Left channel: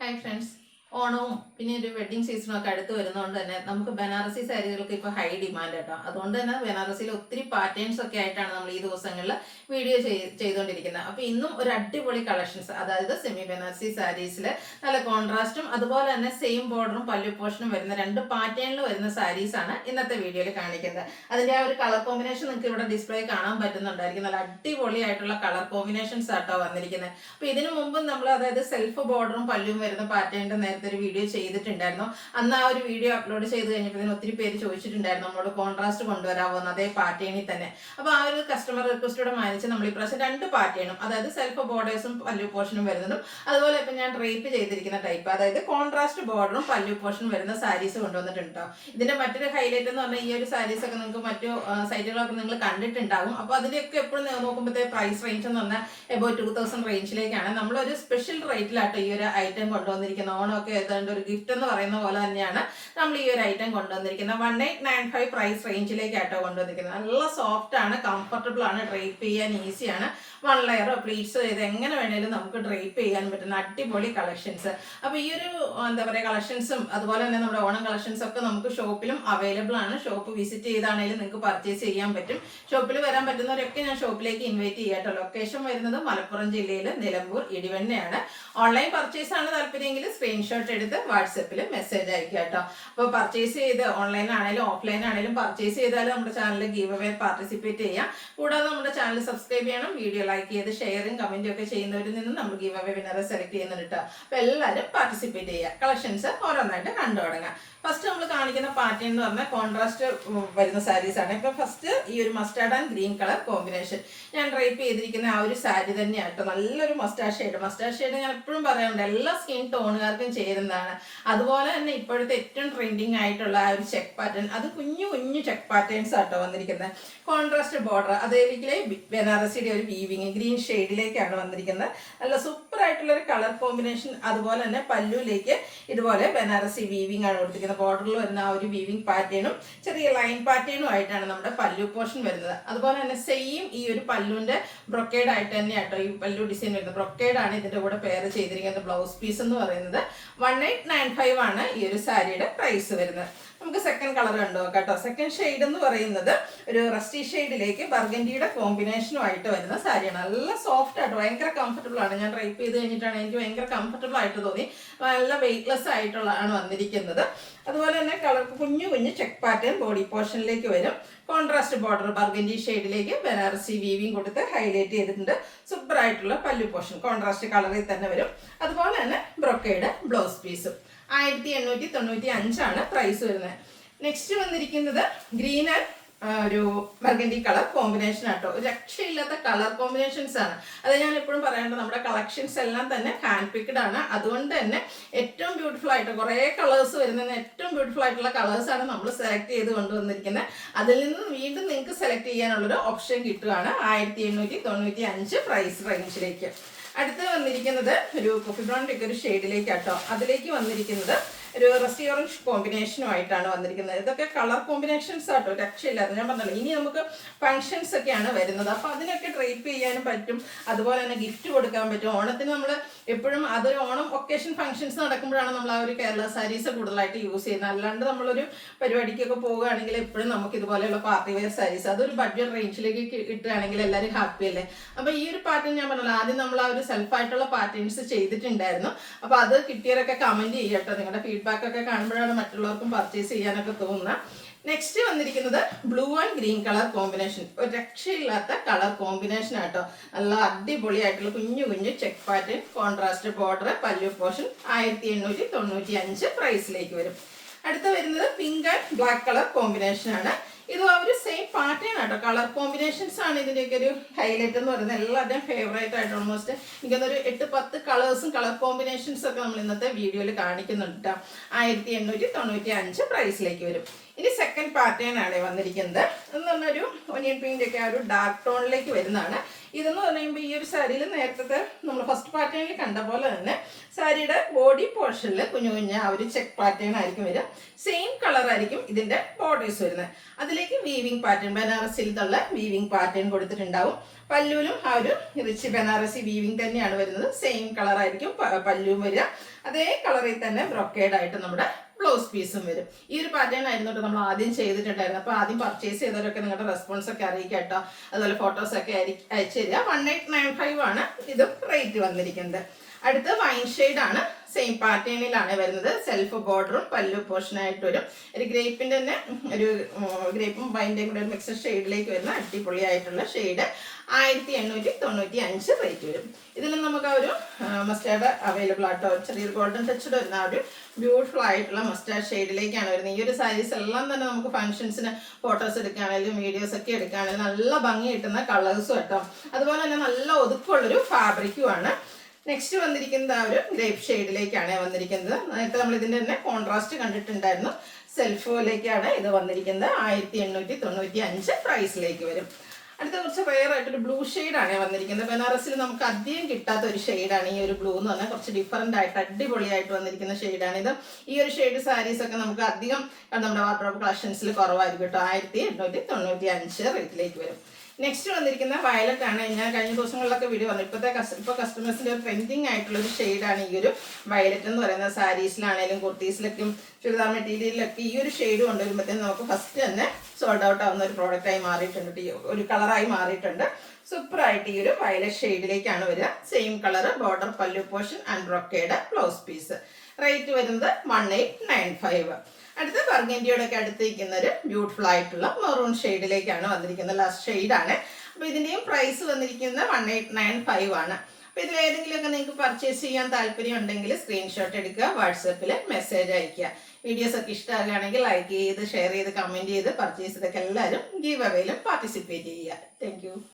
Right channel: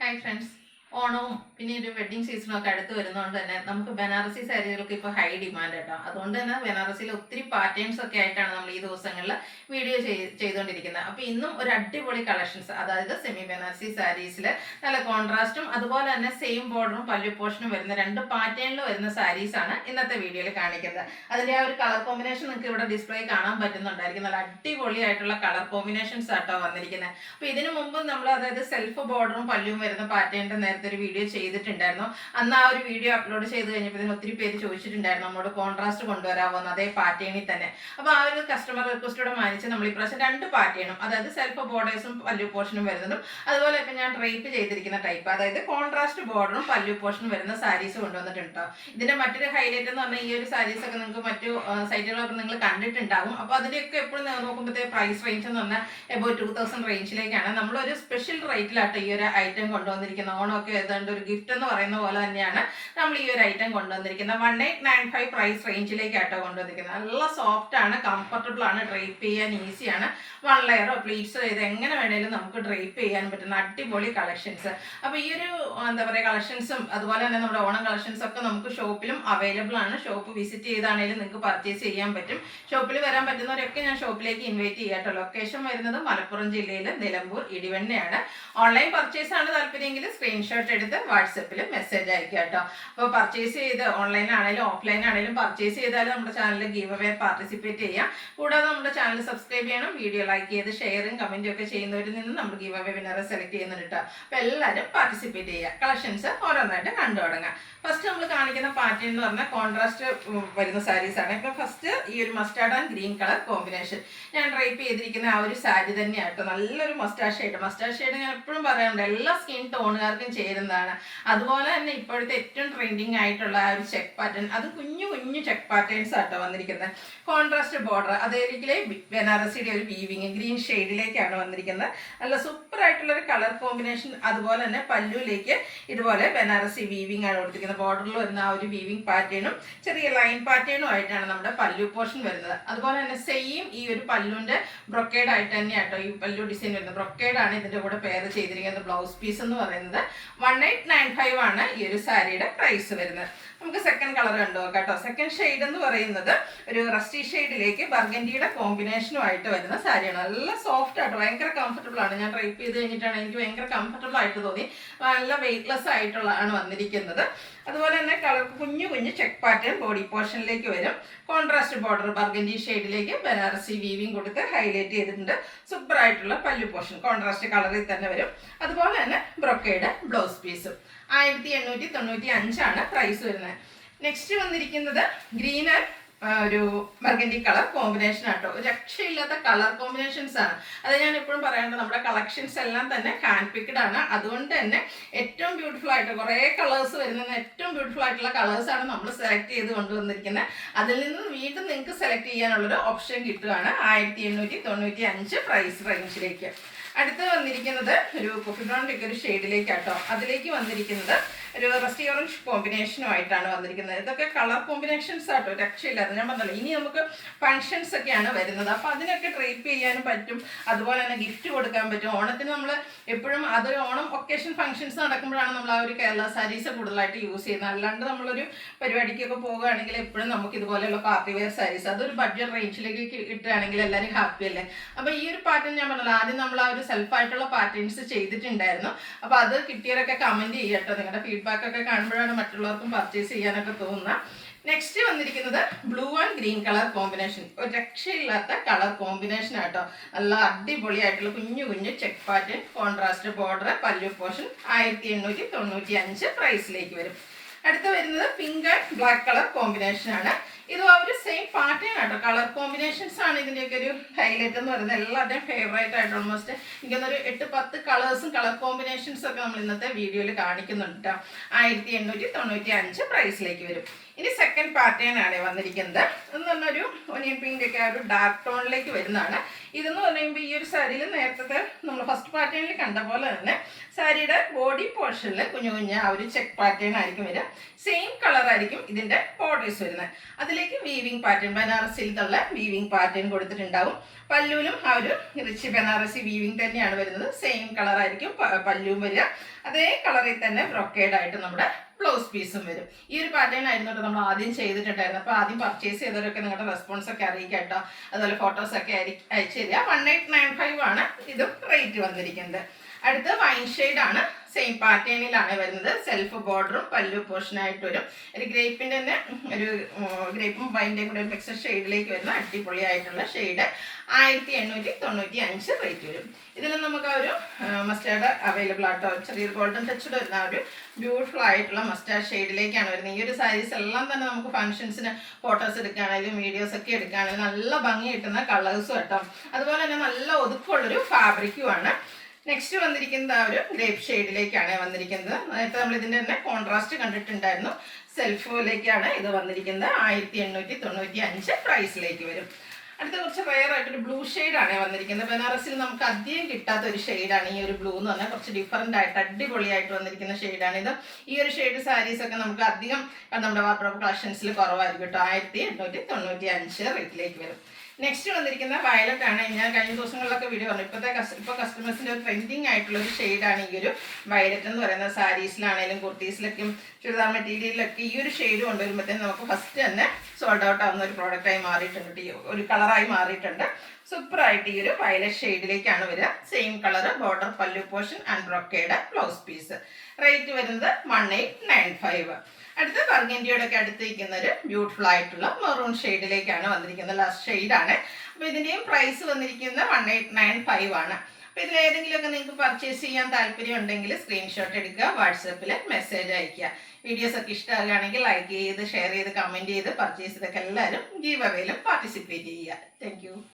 Hi friends. ഓണവും പിന്നെ ഒരു വെഡ്ഡിങ് സീസണൊക്കെ അടുത്ത് വരുന്നതുകൊണ്ട് തന്നെ നമുക്ക് ബനാറസി സാരികൾക്ക് ഇപ്പോൾ ഹൈ ഡിമാൻഡ് കേട്ടോ. അതുകൊണ്ട് തന്നെ ബനാറസിയിൽ ഒത്തിരി പാറ്റേൺസ് ഒക്കെ ആയിട്ടാണ് നമ്മൾ ഈ ദിവസങ്ങളിൽ വീഡിയോ ചെയ്തുകൊണ്ടിരിക്കുന്നത്. അപ്പോൾ ഇന്നും ഒരു അടിപൊളി കളക്ഷൻസ്, അതായത് സെമി ബനാറസി സാരീസിൽ നല്ല കോൺട്രാസ്റ്റും അതുപോലെ തന്നെ സെയിം ബോർഡറും പല്ലു പോർഷനും വരുന്ന രണ്ട് പാറ്റേണിൽ വരുന്ന സാരീസാണ് ഇന്നത്തെ വീഡിയോയിൽ കാണിക്കുന്നത്. അതിൻ്റെ ആ ഒരു കളർ കോമ്പിനേഷൻ നിങ്ങൾക്ക് ഇവിടെ ഡിസ്പ്ലേ കാണാൻ പറ്റുന്നുണ്ടായിരിക്കും. നല്ല അടിപൊളിയായിട്ടുള്ള കളർ കോമ്പിനേഷൻസ് ആട്ടോ വന്നിരിക്കുന്നത്. അപ്പോൾ ഇതിനു മുമ്പ് നമ്മൾ അതായത് സെൽഫ് ബോർഡറും പല്ലും വരുന്ന പാറ്റേണിൻ്റെ നേരത്തെ ഒരു വീഡിയോ ചെയ്തിട്ടുണ്ടായിരുന്നു. അന്ന് ആ ഒരു വീഡിയോ അപ്ലോഡ് ചെയ്ത് കഴിഞ്ഞപ്പോൾ ഒത്തിരി പേര് ചോദിച്ചിട്ടുണ്ടായിരുന്നു നമ്മളോട് കോൺട്രാസ്റ്റ് കൊണ്ടുവരാമോ അതേ പാറ്റേണിൽ തന്നെ. അപ്പോൾ ആ ഒരു കസ്റ്റമർ റിക്വസ്റ്റോടെ മാനിച്ച് നമ്മൾ ഇപ്രാവശ്യം രണ്ട് പാറ്റേണും, അതായത് സെൽഫ് ബോർഡേഴ്സും പല്ലു പോർഷനും വരുന്നതും അതുപോലെ ഇപ്പം ഞാൻ ഡ്രേപ്പ് ചെയ്തിരിക്കുന്ന ടൈപ്പ്, അതായത് കോൺട്രാസ്റ്റ് ബോർഡറും പല്ലു പോർഷനും വരുന്ന സാരീസ് കൊണ്ടുവന്നിട്ടുണ്ടോ. ഇതിന്റെ മറ്റൊരു ഹൈലൈറ്റ് എന്ന് പറഞ്ഞാൽ ഈ ഒരു സാരീസ് ഒക്കെ നിങ്ങൾക്ക് മറ്റു സൈറ്റുകളൊക്കെ നിങ്ങൾ കണ്ടിട്ടുണ്ടാകും. അപ്പോൾ അതിലേക്ക് എപ്പോഴും നോക്കുമ്പോഴത്തേ പ്രൈസ് റേഞ്ച് എന്ന് പറഞ്ഞാൽ എബോ 2000 റേഞ്ചിലേക്കാണ്. നമ്മളൊരു സ്പെഷ്യൽ റേറ്റിലാട്ടോ ഈ ഒരു ഐറ്റം കൊണ്ടുവന്നിരിക്കുന്നത്. ഓണമൊക്കെ ഏതാണ്ട് ഒരു ഗിഫ്റ്റ് എന്ന് പറയുന്ന പോലെ തന്നെയാണ് നമ്മൾ ഈ ഒരു ഐറ്റം കൊണ്ടുവന്നിരിക്കുന്നത്. 1895 പ്രൈസ് റേഞ്ചിലേക്കാട്ടോ കൊണ്ടുവന്നിരിക്കുന്നത്. നല്ല സോഫ്റ്റ് ആണ്, കംഫർട്ടബിൾ ആണ്, ഡ്രേപ്പ് ചെയ്യാൻ ഈസിയാണ്. 1 ലെയറോ പ്ലീറ്റ്സോ ഇത് എങ്ങനെ വേണേലും നമുക്ക് ഡ്രേപ്പ് ചെയ്യാൻ പറ്റുന്ന അടിപൊളി കളക്ഷൻസ്. അപ്പോൾ ഈ ഒരു എന്താ പറയുക കളക്ഷൻസും അതുപോലെ തന്നെ നമ്മുടെ ഓണം കളക്ഷൻസ് ഒക്കെ നമുക്ക് ഷോപ്പിലും അവൈലബിൾ ആണ്. ഷോപ്പ് വിസിറ്റ് ചെയ്താണെങ്കിലും നിങ്ങൾക്ക് പർച്ചേസ് ചെയ്യാൻ പറ്റും. ഷോപ്പിൽ വരാൻ പറ്റുന്നവരൊക്കെ ഞാൻ ഷോപ്പിലേക്ക് ഇൻവൈറ്റ് ചെയ്യാട്ടോ. ലൊക്കേഷൻ വരുന്നത് മലപ്പുറം ജില്ലയിൽ നിലമ്പൂർ ഇടിവണ്ണയാണ്. ഓൺലൈൻ പർച്ചേസ് ആണ് താല്പര്യമെങ്കിൽ സ്ക്രീൻഷോട്ട് എടുത്ത് വാട്സപ്പിൽ മെസ്സേജ് അയക്കുക കേട്ടോ. അപ്പോൾ പർച്ചേസ് ചെയ്ത് ഓൺലൈൻ ആണെങ്കിലും ഓഫ്ലൈൻ ആണെങ്കിലും പർച്ചേസ് ചെയ്താലും നമ്മുടെ ചാനലിൽ ഗീവ് അവേ പാർട്ടിസിപ്പേറ്റ് ചെയ്യാം. കൂടാതെ നമ്മുടെ ചാനൽ സബ്സ്ക്രൈബ് ചെയ്യണം. വീഡിയോ ലൈക്ക് ചെയ്ത് ഷെയറും കമന്റും ഒക്കെ ചെയ്യുന്നവരിൽ നിന്ന് നമ്മൾ ഗീവ് അവേ വിന്നറെ സെലക്ട് ചെയ്യുന്നുണ്ട് കേട്ടോ. അപ്പോൾ എല്ലാവരും പാർട്ടിസിപ്പേറ്റ് ചെയ്യുക. കളക്ഷൻസ് ഓരോന്നായിട്ട് കണ്ടു തുടങ്ങാം. ഫസ്റ്റ് നമ്മൾ കാണിക്കുന്ന പാറ്റേൺ എന്ന് പറഞ്ഞാൽ കോൺട്രാസ്റ്റ് വരുന്ന സാരീസ് ആണ്. ഇപ്പൊ ഫസ്റ്റ് ഈ ഒരു mustard and green colour combination ഞാൻ ഡ്രൈപ്പ് ചെയ്തിരിക്കുന്ന ആ ഒരു സാരി തന്നെയാണ് കേട്ടോ. നല്ലൊരു മസ്റ്റാർഡ് ഷെയ്ഡ് ഞാൻ എപ്പോഴും പറയാറുണ്ട്, എല്ലാ സ്കിൻ ടോണുകാർക്കും ചേരുന്നതാണ്. അതുപോലെ തന്നെ ഇപ്പോഴത്തെ ഏറ്റവും ട്രെൻഡിങ് ആയിട്ടുള്ള ആ ഒരു ചെക്ക് പാറ്റേൺ, അത് കുഞ്ഞു കുഞ്ഞു ചെക്ക് പാറ്റേൺസ് ആട്ടോ വന്നിരിക്കുന്നത്. കോൺട്രാസ്റ്റ് ബോർഡർ, അതേപോലെ ബനാറസിയുടെ ഒരു വീവിങ് ഗ്രീൻ ഷെയ്ഡിലേക്കാണ് വന്നിരിക്കുന്നത്. നല്ല സൂപ്പർ ആയിട്ടുള്ള ഒരു കളർ കോമ്പിനേഷൻ. അതുപോലെ തന്നെ പല്ലുവിലേക്ക് ഇതുപോലെ ബനാറസി വീവിങ് ആണ് കൊടുത്തിരിക്കുന്നത്. ബോർഡറിൽ വരുന്ന ആ ഒരു വീവിങ് പാറ്റേണും ചെറിയ ലൈൻ പാറ്റേണും ആയിട്ടാണ് നമ്മുടെ പല്ലു പോർഷൻ വരുന്നത്. അതുപോലെ തന്നെ സെയിം ഈ ഒരു പല്ലുവിന്റെ ബ്രൊക്കേഡ് ആയിട്ട് തന്നെയാട്ടോ ഈ പല്ലു ഡിസൈൻ വരുന്നത്. ബ്രൊക്കേഡ് ആണ് ഇതിന്റെ കൂടെ പെയർ ചെയ്തിരിക്കുന്നത്. ബ്ലൗസ് പീസ് എന്ന് പറയുന്നത് 1895 ആണ് ഈ ഒരു സാരിയുടെ പ്രൈസ് വരുന്നത്. നമുക്ക് സെക്കൻഡ് കളർ കണ്ടു നോക്കാം കേട്ടോ. സെക്കൻഡ് ഷെയ്ഡ് എന്ന് പറയുന്നത് ഒരു റസ്റ്റി ഷെയ്ഡിലേക്ക് ബർഗൻഡിയുടെ കോമ്പിനേഷനുമായിട്ട് വരുന്ന സാരിയാണ്. നല്ല സോഫ്റ്റ് ആയിട്ട് ഭയങ്കര കംഫർട്ടബിൾ ആണ്. ഞാൻ ഡ്രൈപ്പ് ചെയ്ത് കഴിഞ്ഞിട്ടാണ് എനിക്ക് ഭയങ്കര കംഫർട്ടബിൾ ആയിട്ട് തോന്നി. നല്ല വെയ്റ്റ്ലെസ് ആയിട്ടുള്ളതാണ് വന്നിരിക്കുന്നത്. അതുപോലെ തന്നെ കളർ കുഞ്ഞു കുഞ്ഞു ചെക്ക് പാറ്റേൺ ബോഡി പോർഷനിലേക്ക് വരും. കോൺട്രാസ്റ്റ് ബോർഡർ ബർഗൻഡി ഷെയ്ഡിലേക്ക് ബനാറസി വീവിങ് കൊടുത്ത് ഹൈലൈറ്റ് ചെയ്തിട്ടുണ്ട്. സൂപ്പർ ആയിട്ടുള്ള പല്ലു പോർഷൻ കോൺട്രാസ്റ്റ് കളറിൽ തന്നെ വരും. അതുപോലെ തന്നെ ബ്രൊക്കേഡ് ബ്ലൗസ് പീസും 1895 ആണ് പ്രൈസ് വരുന്നത്. നെക്സ്റ്റ് വന്നിരിക്കുന്നത് ഗ്രീൻ ആൻഡ് ഒരു ബർഗൻഡി കളർ കോമ്പിനേഷൻ ആട്ടോ. ഒരു രക്ഷയില്ലാത്ത കളർ കോമ്പിനേഷൻസ് ആണ്. അത് ഞാൻ എപ്പോഴും പറയാറുണ്ട്, നമ്മുടെ കളക്ഷൻസ് എല്ലാം തന്നെ ഹാൻഡ് പിക്ഡ് ആണ്. അതുകൊണ്ട് തന്നെ ഏറ്റവും ബ്യൂട്ടിഫുൾ ആയിട്ട് കുറേ കളേഴ്സ് വരുന്ന ഏറ്റവും ബ്യൂട്ടിഫുൾ ആയിട്ടുള്ള കളേഴ്സ് ആണ് നമ്മൾ സെലക്ട് ചെയ്ത് കൊണ്ടുവന്നിരിക്കുന്നത്. അതിൽ നിന്ന് വീണ്ടും നിങ്ങൾക്ക് സെലക്ട് ചെയ്യാനുള്ളൊരു ഓപ്ഷൻ കിട്ടുകയാണ് 1895 പ്രൈസ് റേഞ്ചിലേക്ക്. അടുത്ത് വന്നിരിക്കുന്നത് ഒരു കോഫി ബ്രൗൺ ഒരു ഷെയ്ഡിലേക്കാട്ടോ. അതിലേക്ക് വന്നിരിക്കുന്നത് ഒരു റസ്റ്റി ഓറഞ്ച് കോമ്പിനേഷനുമായിട്ടാണ് വന്നിരിക്കുന്നത്. ഇതൊക്കെ കളർ കോമ്പിനേഷൻസ് ആട്ടോ, രക്ഷയില്ലാതെ. ഞാൻ പറഞ്ഞല്ലോ ഇനി നമുക്ക് ഫങ്ഷൻസ് ഒക്കെയാണ് വരുന്നത്. അപ്പോൾ അതിനൊക്കെ ഡ്രേപ്പ് ചെയ്യാനും പറ്റും. അതുപോലെ തന്നെ ഗിഫ്റ്റ് കൊടുക്കാൻ പറ്റും. ഓണത്തിന് നമ്മൾ എപ്പോഴും അതൊരു ഓണം ഒക്കേഷൻ ഫങ്ഷൻസ് നടക്കുമ്പോഴാണ് നമ്മൾ ആ ഒരു കേരള സാരീസ് കൂടുതലായിട്ട് യൂസ് ചെയ്യുന്നത്. അല്ലാണ്ട് നമ്മളൊരു പരിപാടിക്കൊക്കെ പോകുകയാണെങ്കിൽ എപ്പോഴും നമുക്ക് ഇതുപോലെയുള്ള പാർട്ടി വെയർ സാരീസ് അതൊരു ബഡ്ജറ്റ് റേഞ്ചിലേക്ക് കിട്ടുകയാണെങ്കിൽ എല്ലാവരും ഹാപ്പി അല്ലേ. അപ്പോൾ ഈ ഒരു പാറ്റേൺ ഞാൻ പറഞ്ഞല്ലോ, ആദ്യം നമ്മൾ ആ ഒരു സെൽഫായിട്ടുള്ള പാറ്റേൺസ് ചെയ്തിട്ടുണ്ടായിരുന്നു. അപ്പോൾ അത് കിട്ടിയവരൊക്കെ കമൻറ്റ് ചെയ്യട്ടോ. നിങ്ങളുടെ ഫീഡ്ബാക്ക് ഒക്കെ കാണുമ്പോഴാണ് മറ്റുള്ളവർക്കും പർച്ചേസ് ചെയ്യാനൊക്കെ തോന്നുന്നത്. നെക്സ്റ്റ് വന്നിരിക്കുന്നത് blue and green colour combination. ഒരു രക്ഷയില്ലാത്ത കളർ കോമ്പിനേഷൻ ആട്ടോ. നല്ല അടിപൊളിയായിട്ടുള്ള കുഞ്ഞു കുഞ്ഞു check pattern contrast border pallu portion 1895 പ്രൈസിലേക്ക് വരും. അടുത്ത വരുന്നത് pink and black colour combination ആണ്. ഇത് ആ ഒരു സെയിം പാറ്റേൺ ആട്ടോ. കളർ കോമ്പിനേഷൻസ് ആണ് ഇതിൻ്റെയൊക്കെ ഒരു ഹൈലൈറ്റ് എന്ന് പറയുന്നത്. എല്ലാവരുടെയും ഫേവറേറ്റ് ആയിട്ട് ഓൾമോസ്റ്റ് എനിക്കൊന്നൊരു 8-10 കളേഴ്സും കളർ കോമ്പിനേഷൻസ് ഒക്കെ നമ്മൾ ഇന്നത്തെ വീഡിയോയിൽ കാണിക്കുന്നുണ്ട് കേട്ടോ. 1895 പ്രൈസിലേക്ക് വരും. ഇനി സെക്കൻഡ് പാറ്റേൺ ആണ് വന്നിരിക്കുന്നത്. എന്ന് പറഞ്ഞൊരു ഒനിയൻ പിങ്കിൻ്റെ ഒക്കെ ആ ഒരു ഡാർക്ക് ടോണിലേക്ക് വരുന്നതാണ്. ഇതെന്ന് പറയുമ്പോൾ ഈ ഒരു സാരിയിൽ നേരത്തെ നമ്മൾ ഫസ്റ്റ് പാറ്റേണിൽ കണ്ട പോലെ തന്നെ സാരിയുടെ ബോഡി പോർഷനിൽ കുഞ്ഞു കുഞ്ഞ ആ ഒരു ചെക്ക് പാറ്റേൺ ആയിരിക്കും വരിക. സെയിം കളറായിരിക്കും ഇതിൻ്റെ ബോർഡേഴ്സ് വരുന്നത്. അതിലേക്ക് വീവിങ് പാറ്റേൺ, ബനാറസിയിലുള്ള വീവിങ് പാറ്റേൺ കൊടുത്തിട്ടുണ്ടാവും. പല്ലുവിലും ആ ഒരു റിച്ച് ബനാറസി വീവിങ് തന്നെയാണ് വരുന്നത്. സെയിം കളറായിരിക്കും പല്ലുവും വരിക. അതേ കളറിൽ തന്നെ ബ്രൊക്കേഡായിട്ട് നമ്മുടെ ബ്ലൗസ് പീസും വരും. ഈ ഒരു പാറ്റേൺ ആയിരുന്നു നമ്മൾ ആദ്യം ചെയ്തിട്ടുണ്ടായിരുന്നു. അപ്പോൾ ആദ്യം പർച്ചേസ് ചെയ്തവരൊക്കെ നിങ്ങളുടെ റെസ്പോൺസ് ഒക്കെ അറിയിക്കാം കേട്ടോ. അതുപോലെ ഫോട്ടോസൊക്കെ അയച്ചു തരിക. 1895 ആണ് ഇതും റേറ്റ് വന്നിരിക്കുന്നത്. അടുത്ത വൈൻ ഷെയ്ഡാണ്. സെയിം പാറ്റേണിലാണ് വരുന്നത്. സെൽഫ് ബോർഡറും പല്ലു പോർഷനായിട്ട് വരും. ഒരു ഗ്രേപ്പിൻ്റെ തന്നെ ഒരു ഗ്രേപ്പും വൈൻ്റെയും കൂടെ ഒരു മിക്സഡ് ഷെയ്ഡിലേക്ക് വരുന്ന അടിപൊളിയായിട്ടുള്ള ഷെയ്ഡ് 1895 റേറ്റ് വരും. ഇതിൽ നമുക്ക് ഒരു മസ്റ്റാർഡ് അവൈലബിൾ ആട്ടോ. ചെറിയൊരു ഗോൾഡൻ ടച്ച് വരുന്ന ഒരു ബ്യൂട്ടിഫുൾ ആയിട്ടുള്ള മസ്റ്റാർഡ് ഷെയ്ഡിലേക്കാണ് വരുന്നത്. ഈ ഒരു സാരീസ് എല്ലാം തന്നെ നമുക്ക് ഫംഗ്ഷൻസിന് ഫോട്ടോസ് എടുക്കുകയാണെങ്കിലും വീഡിയോസ് ഒക്കെ എടുക്കുകയാണെങ്കിലും നല്ല ഭംഗി കിട്ടുന്ന കളേഴ്സും കേട്ടോ. അതുപോലെ തന്നെ നല്ല ഒതുക്കമുള്ളൊരു ഫാബ്രിക്കുമാണ്. നെക്സ്റ്റ് വന്നിരിക്കുന്നത് ആ ഒരു ഗ്രേപ്പ് ഷെയ്ഡിലേക്കാണ് വന്നിരിക്കുന്നത്. നേരത്തെ നമ്മൾ ഇതിൻ്റെ തന്നെ കോൺട്രാസ്റ്റ് കണ്ടിട്ടുണ്ടായിരുന്നു. സെൽഫിലേക്കാണ് ഇത് വന്നിരിക്കുന്നത്. 1895 പ്രൈസിലേക്ക് വരും. അടുത്ത കുറച്ച് റെയർ ആയിട്ടൊരു ബ്ലൂ ഷെയ്ഡാണ് വന്നിരിക്കുന്നത്. ബനാറസിൽ നമുക്ക് അധികം കിട്ടാത്ത ഒരു ഷെയ്ഡാണ് ഈ ഒരു ബ്ലൂ എന്ന് പറഞ്ഞാൽ. കുറച്ച് ഡിഫറൻ്റ് ആയിട്ട് അടിപൊളിയായിട്ട് വന്നിരിക്കുന്ന ഷെയ്ഡാണിത്. ഈ ഒരു ഷെയ്ഡ് സാരീസൊക്കെ നമുക്ക് അധികം നമ്മുടെ വാർഡ്രോബ് കളക്ഷൻസിൽ കുറവായിരിക്കും കേട്ടോ. 1895 റേറ്റിലേക്ക് വരും. നെക്സ്റ്റ് വന്നിരിക്കുന്ന വയലറ്റ് ആണ്. ഞാൻ കഴിഞ്ഞ ദിവസങ്ങളിലൊക്കെ വീഡിയോ പറഞ്ഞു. ഇപ്പോൾ കസ്റ്റമേഴ്സിൻ്റെ ഒരു ട്രെൻഡിങ് ആയിട്ടുള്ള ഒരു ഷെയ്ഡാണ് ഈ ഒരു വയലറ്റ് എന്ന് പറയുന്നത്. സാരീസിലാണെങ്കിലും കുർത്തീസിലൊക്കെ ചുരിദാർ മെറ്റീരിയലിലൊക്കെ ഈ ഒരു ഷെയ്ഡ് കൊണ്ടുവരുമ്പോഴത്തേനും നമുക്ക് ഫസ്റ്റ് തന്നെ സോൾഡ് ഔട്ട് ആവുന്ന ഒരു പ്രോഡക്റ്റായി മാറിയിട്ടുണ്ട്. ഒരു കളറായി മാറിയിട്ടുണ്ട്. സൂപ്പറായിട്ട് ഈ ഒരു വയലറ്റ് ഷെയ്ഡിലേക്കാണ് വരിക. Same colour border, pallu portion and brocade blouse piece. Rate വരുന്നത് 1895. അടുത്ത ബർഗൻഡിയോടെ ഒക്കെ അടുത്തിരിക്കുന്ന ഒരു ബ്യൂട്ടിഫുൾ ആയിട്ടുള്ള മെറൂൺ ഷെയ്ഡിലേക്കാണ് വന്നിരിക്കുന്നത്. ലാസ്റ്റ് ഷെയ്ഡാണ്. അപ്പോൾ ഇതിൻ്റെയും പ്രൈസ് വന്നിരിക്കുന്നത് 1895 ആണ്. അപ്പോൾ ഇതിലേതെങ്കിലുമൊക്കെ നിങ്ങൾക്ക് പർച്ചേസ് ചെയ്യാൻ താല്പര്യം ഉണ്ടെങ്കിൽ സ്ക്രീൻഷോട്ട് എടുക്കുക, വാട്സപ്പിൽ മെസ്സേജ് അയയ്ക്കുക. വീഡിയോസൊക്കെ ഇഷ്ടമാകുകയാണെങ്കിൽ ലൈക്ക് ചെയ്ത് ഷെയർ ചെയ്ത് കമൻറ്റ് ചെയ്ത് പർച്ചേസ് ചെയ്തൊക്കെ എല്ലാവരും ഗീവ് അവേയിലും പാർട്ടിസിപ്പേറ്റ് ചെയ്യുക. താങ്ക്